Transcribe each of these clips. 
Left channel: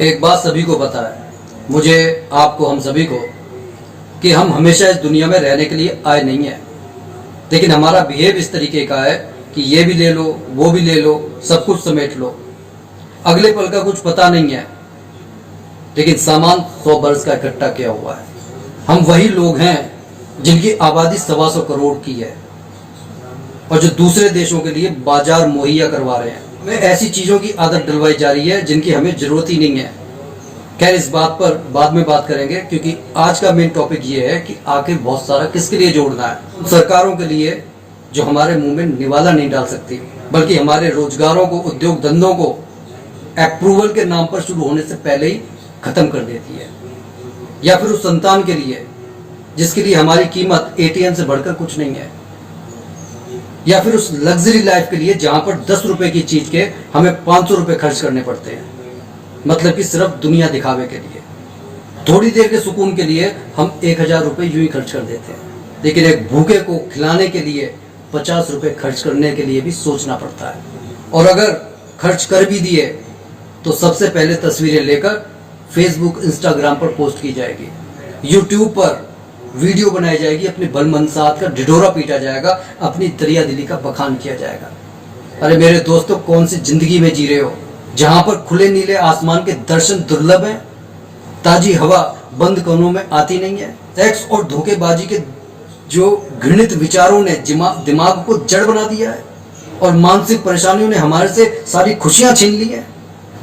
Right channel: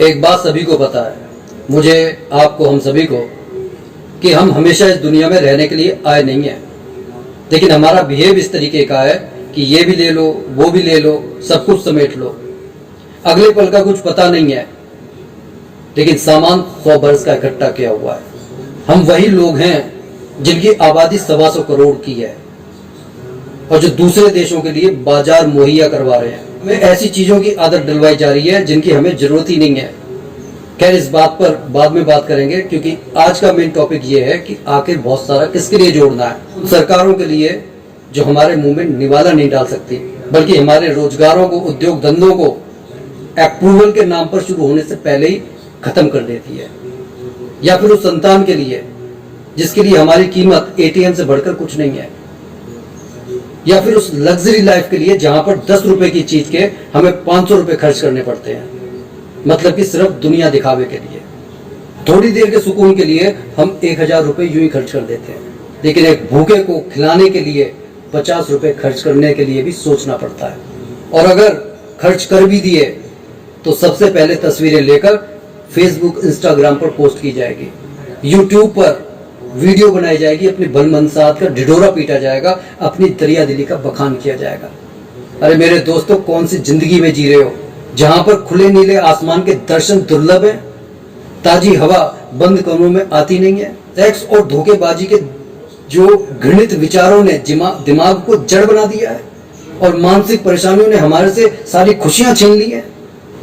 एक बात सभी को पता है, मुझे, आपको, हम सभी को, कि हम हमेशा इस दुनिया में रहने के लिए आए नहीं हैं। लेकिन हमारा बिहेव इस तरीके का है कि ये भी ले लो, वो भी ले लो, सब कुछ समेट लो। अगले पल का कुछ पता नहीं है, लेकिन सामान 100 बरस का इकट्ठा किया हुआ है। हम वही लोग हैं जिनकी आबादी 125 करोड़ की है और जो दूसरे देशों के लिए बाजार मुहैया करवा रहे हैं। हमें ऐसी चीजों की आदत डलवाई जा रही है जिनकी हमें जरूरत ही नहीं है। खैर, इस बात पर बाद में बात करेंगे, क्योंकि आज का मेन टॉपिक ये है कि आखिर बहुत सारा किसके लिए जोड़ना है। सरकारों के लिए जो हमारे मुंह में निवाला नहीं डाल सकती, बल्कि हमारे रोजगारों को, उद्योग धंधों को अप्रूवल के नाम पर शुरू होने से पहले ही खत्म कर देती है। या फिर उस संतान के लिए जिसके लिए हमारी कीमत ATM से बढ़कर कुछ नहीं है। या फिर उस लग्जरी लाइफ के लिए जहां पर 10 रुपए की चीज के हमें 500 रुपए खर्च करने पड़ते हैं, मतलब कि सिर्फ दुनिया दिखावे के लिए। थोड़ी देर के सुकून के लिए हम 1000 रुपए यूं ही खर्च कर देते हैं, लेकिन एक भूखे को खिलाने के लिए 50 रुपए खर्च करने के लिए भी सोचना पड़ता है। और अगर खर्च कर भी दिए तो सबसे पहले तस्वीरें लेकर फेसबुक, इंस्टाग्राम पर पोस्ट की जाएगी, यूट्यूब पर वीडियो बनाई जाएगी, अपनी बलमनसाहत का ढिढोरा पीटा जाएगा, अपनी दरिया दिली का बखान किया जाएगा। अरे मेरे दोस्तों, कौन सी जिंदगी में जी रहे हो जहां पर खुले नीले आसमान के दर्शन दुर्लभ हैं, ताजी हवा बंद कोनों में आती नहीं है, सेक्स और धोखेबाजी के जो घृणित विचारों ने दिमाग को जड़ बना दिया है और मानसिक परेशानियों ने हमारे से सारी खुशियां छीन ली है।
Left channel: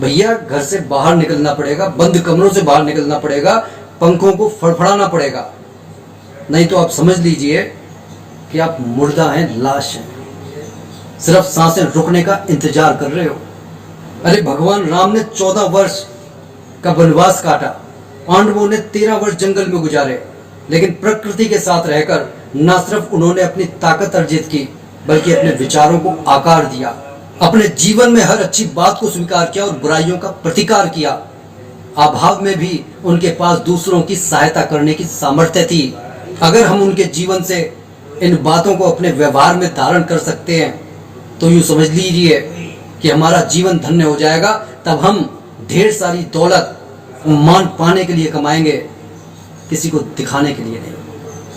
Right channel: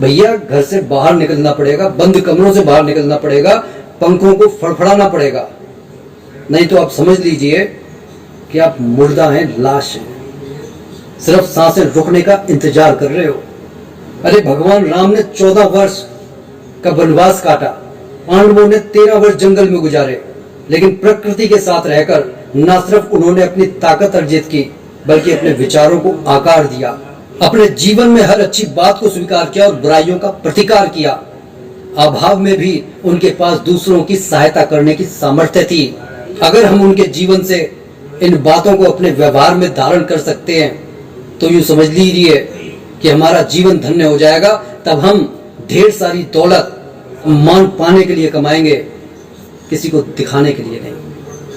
भैया, घर से बाहर निकलना पड़ेगा, बंद कमरों से बाहर निकलना पड़ेगा, पंखों को फड़फड़ाना पड़ेगा, नहीं तो आप समझ लीजिए कि आप मुर्दा हैं, लाश हैं, सिर्फ सांसें रुकने का इंतजार कर रहे हो। अरे भगवान राम ने 14 वर्ष का वनवास काटा, पांडवों ने 13 वर्ष जंगल में गुजारे, लेकिन प्रकृति के साथ रहकर न सिर्फ उन्होंने अपनी ताकत अर्जित की, बल्कि अपने विचारों को आकार दिया, अपने जीवन में हर अच्छी बात को स्वीकार किया और बुराइयों का प्रतिकार किया। अभाव में भी उनके पास दूसरों की सहायता करने की सामर्थ्य थी। अगर हम उनके जीवन से इन बातों को अपने व्यवहार में धारण कर सकते हैं तो यूं समझ लीजिए कि हमारा जीवन धन्य हो जाएगा। तब हम ढेर सारी दौलत, मान पाने के लिए कमाएंगे, किसी को दिखाने के लिए नहीं।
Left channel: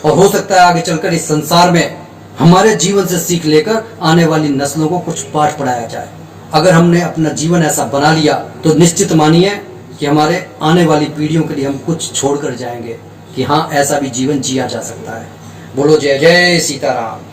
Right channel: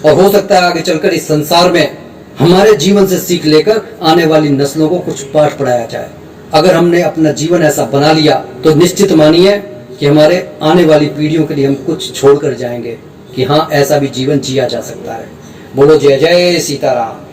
और हो सकता है आगे चलकर इस संसार में हमारे जीवन से सीख लेकर आने वाली नस्लों को कुछ पाठ पढ़ाया जाए। अगर हमने अपना जीवन ऐसा बना लिया तो निश्चित मानिए कि हमारे आने वाली पीढ़ियों के लिए हम कुछ छोड़कर जाएंगे कि हाँ, ऐसा भी जीवन जिया जा सकता है। बोलो जय जय सीताराम।